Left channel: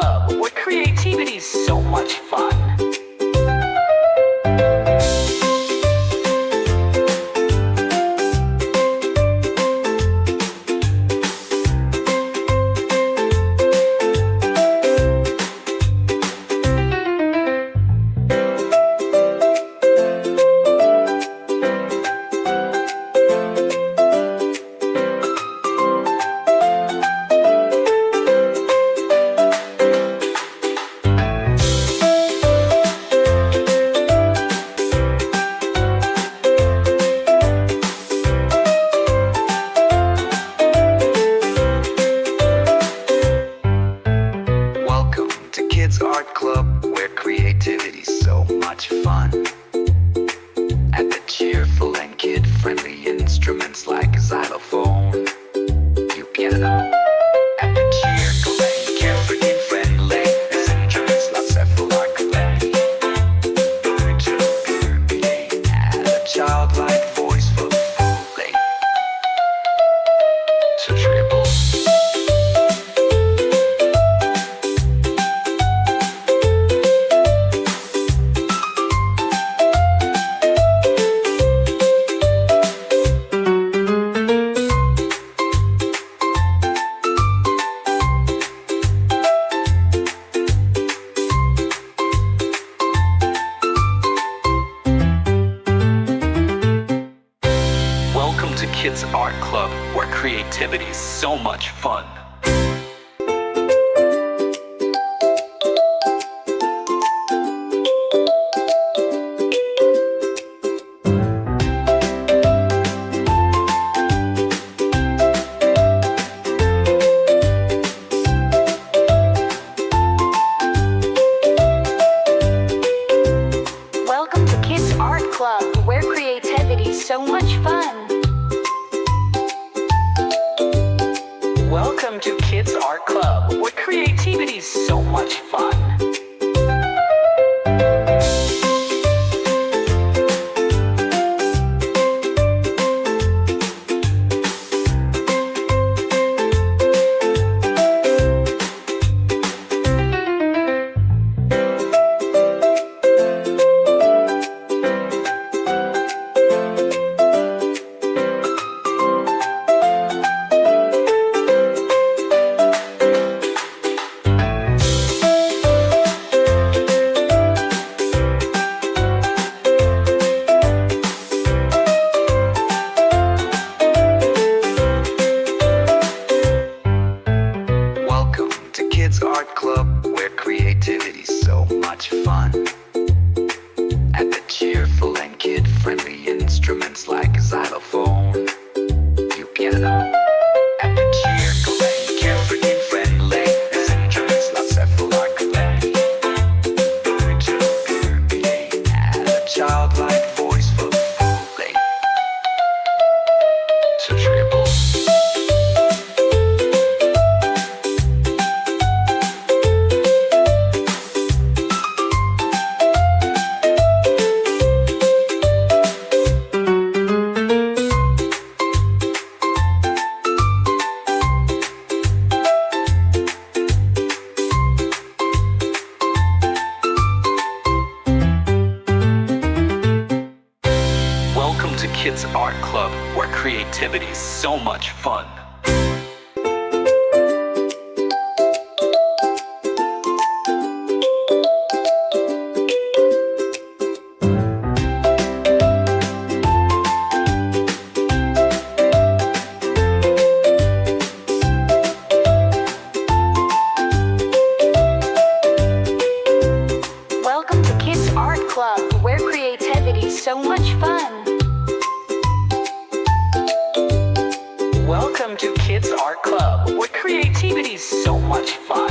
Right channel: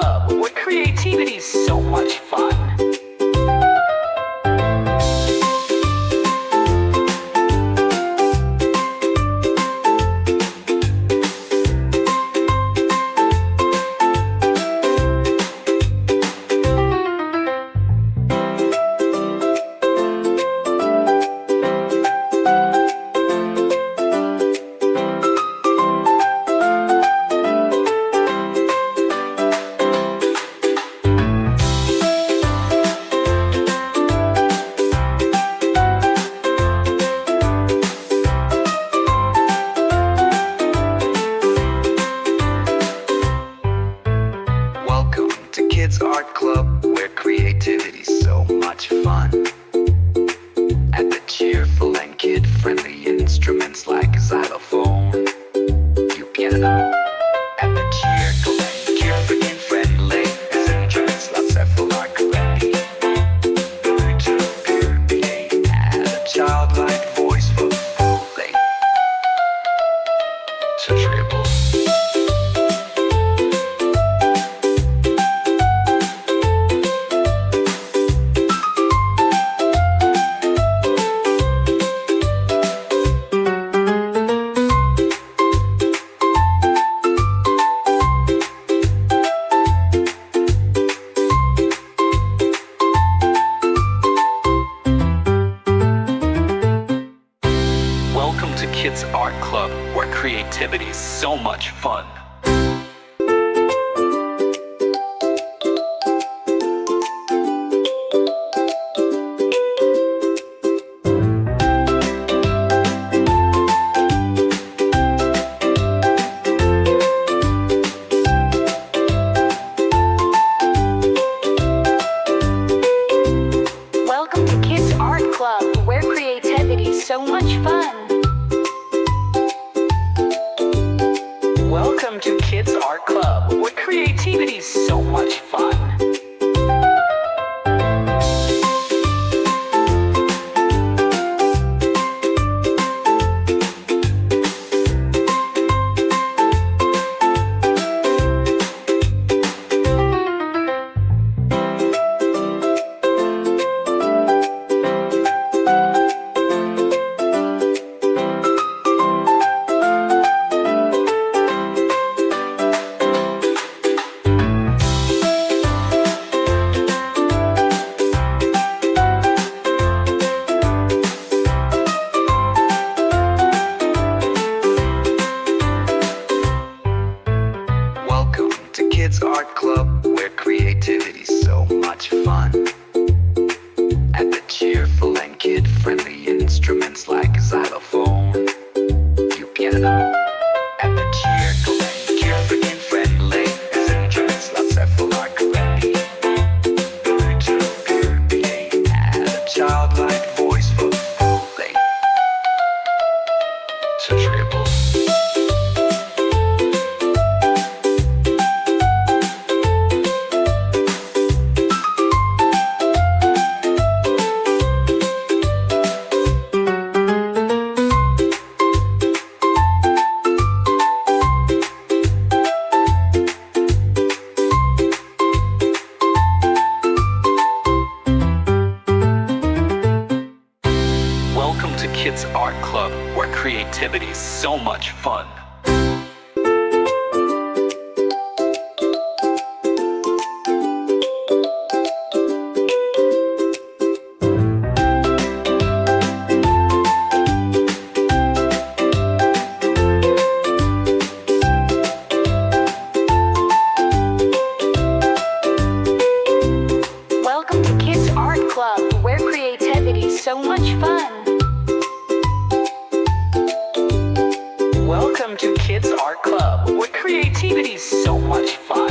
Club, where creativity's so much fun. Welcome to Kids Art Club, where creativity's so much fun. At the cheerful and kid-friendly instruments like xylophone, piano. At the cheerful and carefree and friendly instruments like several are correctly. To purity, add a childlike voice for fooling. To triple. Welcome to Kids Art Club, where creativity's so much fun. Welcome to Kids Art Club, where creativity's so much fun. Welcome to Kids Art Club, where creativity's so much fun. Welcome to Kids Art Club, where creativity's so much fun. At the cheerful and kid-friendly instruments like xylophone, piano. At the cheerful and carefree and friendly instruments like several are correctly. To purity, add a childlike voice for fooling. To triple. Welcome to Kids Art Club, where creativity's so much fun. Welcome to Kids Art Club, where creativity's so much fun. Welcome to Kids Art Club, where creativity's so much fun.